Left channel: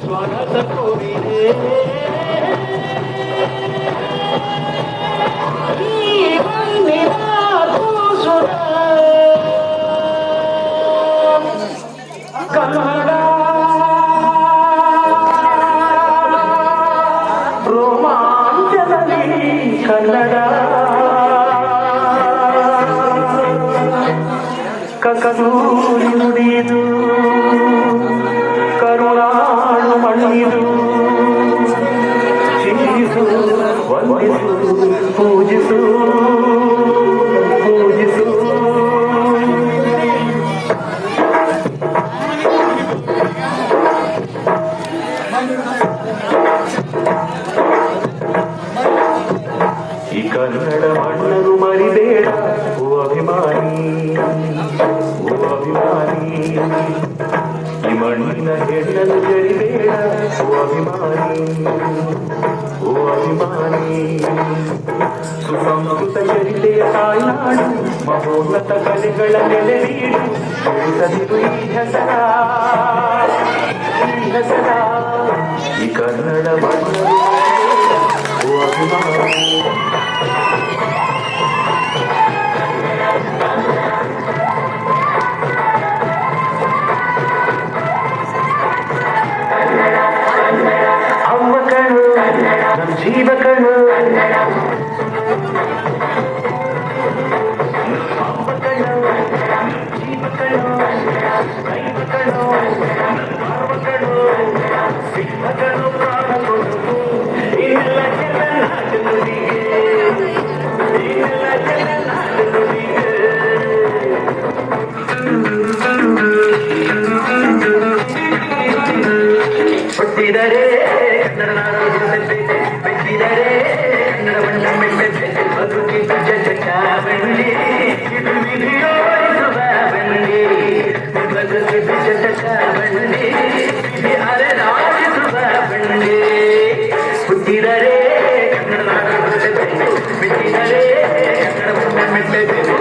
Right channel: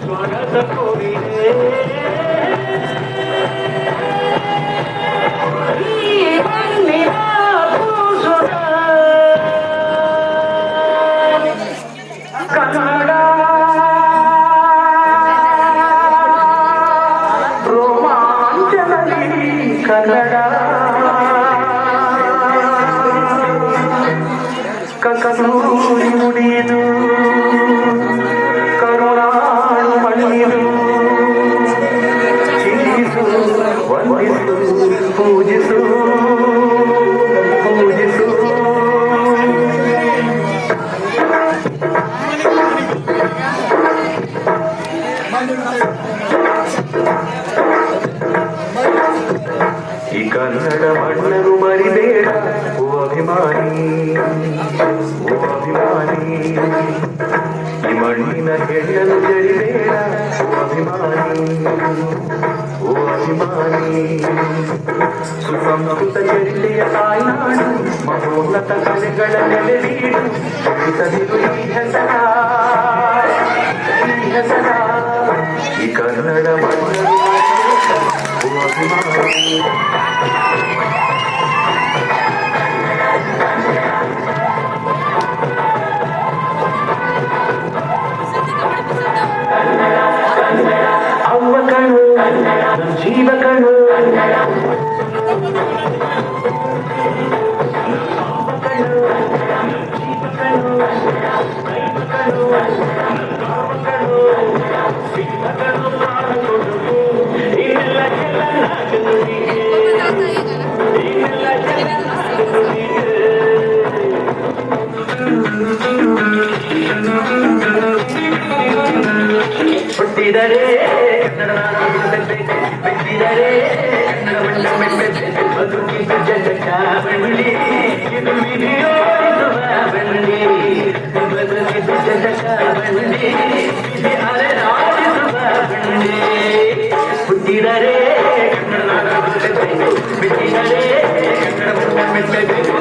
स्वागत कोरिए कन्नड़ रोमांचनगी कन्नड़ कसूरी नुಡಿದು ಕರುಣಾಳು ಮಣಿದು ಚಿಂತಿಸು ವಂದಿಸು ಪೂಜಿಸು ಪೂಜಿಸು ಈ ಕನ್ನಡ ಮಣ್ಣರು ಮರಿಬೇಡ ಓ ಅಭಿಮಾನಿ ಓ ಅಭಿಮಾನಿ ಈ ಮಣ್ಣಿನ ಹೆಣ್ಣಲು ಜರಿಬೇಡ ಓ ಅಭಿಮಾನಿ ಓ ಅಭಿಮಾನಿ ಸುಸಂಸ್ಕೃತ ಚರಿತೆಯ ತಾಯ್ನಾಡು ಮಹೋನ್ನತ ಕಲೆಗಳ ನೆಲೆವೀಡು ಉಳಿಸದಿರು ಈ ಹೆಸರ ಈ ಕನ್ನಡ ಮಣ್ಣರು ಓ ಅಭಿಮಾನಿ ಅವ್ವ ಕಣ್ಣು ನಮ್ಮ ಜೀವ ಕಣ್ಣು ಅವ್ವ ಕಣ್ಣು ನಮ್ಮ ಜೀವ ಕಣ್ಣು ದೈವ ಕಣ್ಣು ಭಾವ ಕಣ್ಣು ಸಿಂಹ ಕಣ್ಣು ಪ್ರಾಣ ಕೊಡು ಇನ್ನೆಲ್ಲ ಕೆಲ ನಾಟುನುಡಿಗೆ ಇನ್ನೆಲ್ಲ ಕೆಲ ನಾಟುನುಡಿಗೆ ಹುಟ್ಟಿದರೆ ಕನ್ನಡ ನಾಡು ಬೆಟ್ಟಿದರೆ ಕನ್ನಡ ಮಣ್ಣ ಬದುಕಿದು ಜಗತ್ತ ಬಂಡಿ ಇದು ವಿಧಿಯೋರಿಸುವ ಬಂಡಿ ಬದುಕಿದು ಜಗತ್ತ ಬಂಡಿ ವಿಧಿಯಾರೆ ನಾಡಿಸುವ ಬಂಡಿ ಹುಟ್ಟಿದರೆ ಕನ್ನಡ ನಾಡು ಬೆಟ್ಟಿದರೆ ಕನ್ನಡ ಮಣ್ಣ ಮೆಟ್ಟಬೇಕು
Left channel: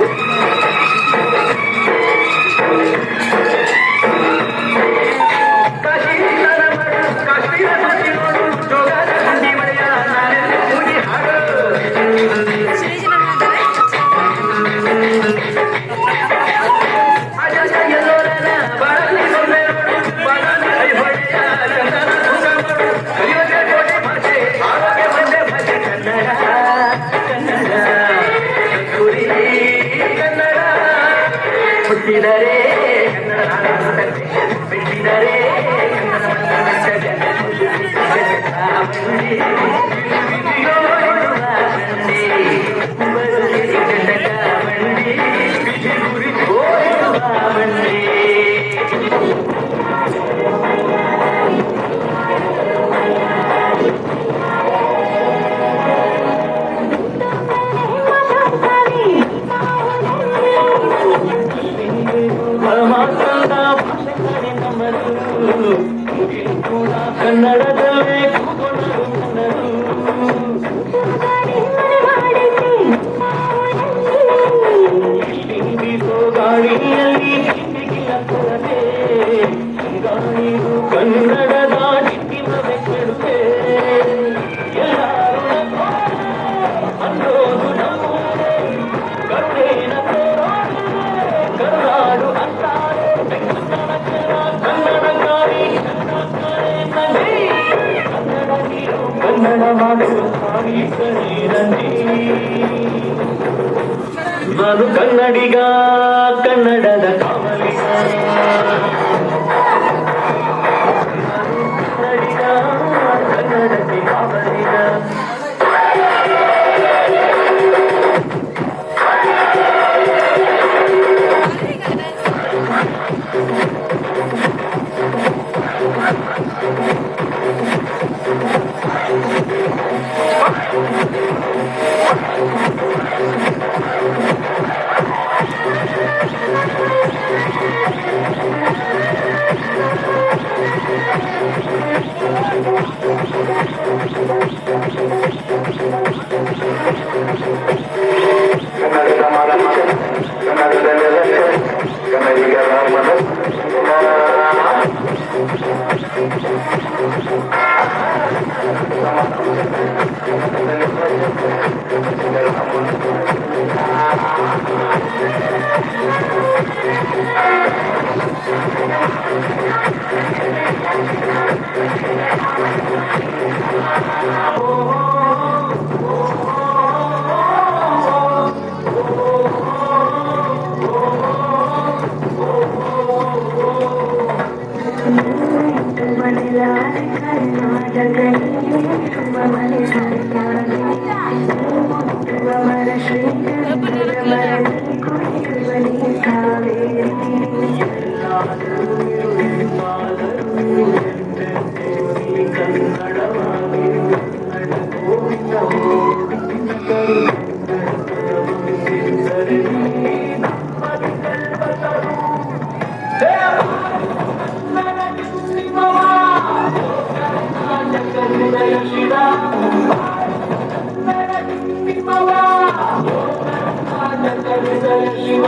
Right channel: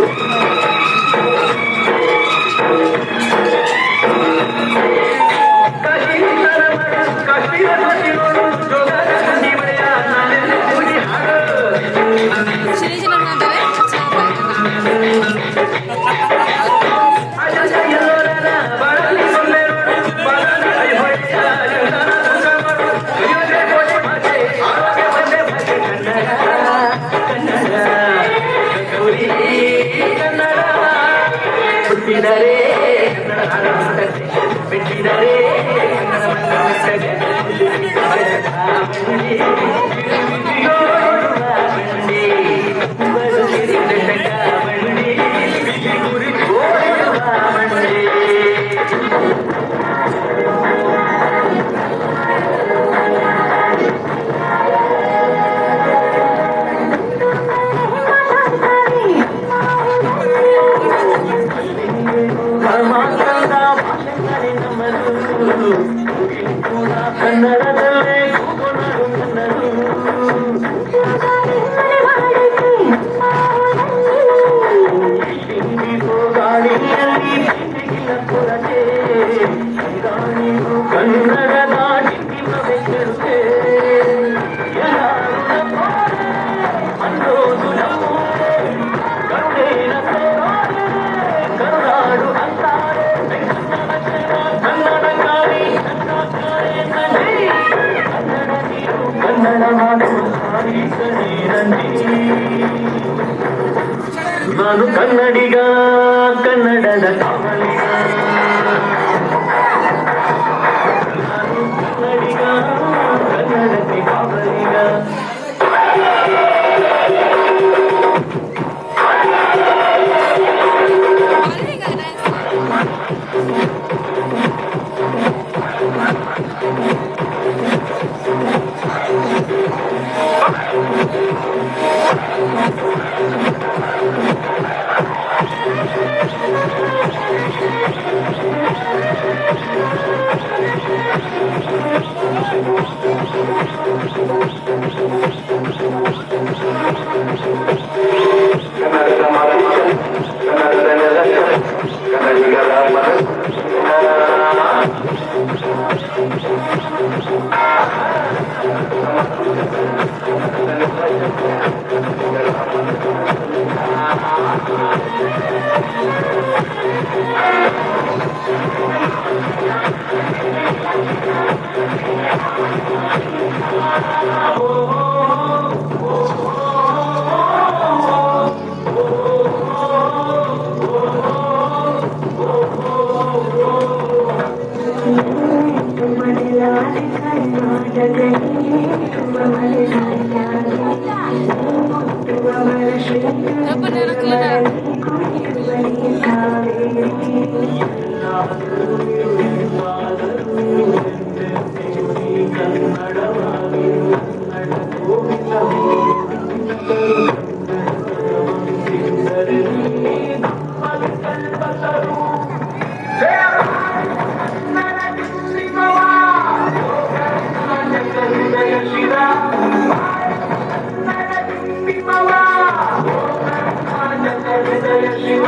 Thank you. ಕನ್ನಡದಲ್ಲೇ ಕೂಗೊನರು ನನ್ನರು ಗಾಳಿಯಲ್ಲಿ ಕಿಂದಿಗಿಲ್ಲ ಕೊರತೆ ನೀವು ಕನ್ನಡದ ಕಿಂದಿನ ಬೆಟ್ಟೆ ಎಲ್ಲರೂ ಅನ್ನೋದು ನಮ್ಮೂರೇ ಕರುಣೇನ ಕರುನಾಡು ಅಂತಾರೆ ಕನ್ನಡ ಮಾತು ನಾನು ಕನ್ನಡಿಗ ಕನ್ನಡದ ಕಾವಲಿಗ ನಾನು ಕನ್ನಡಿಗ ಕನ್ನಡದ ಕಾವಲಿಗ ಕನ್ನಡದ ಮಾರಾಟ ಕನ್ನಡದ ನೆಲ ಕನ್ನಡಿಗರ ಶಿವ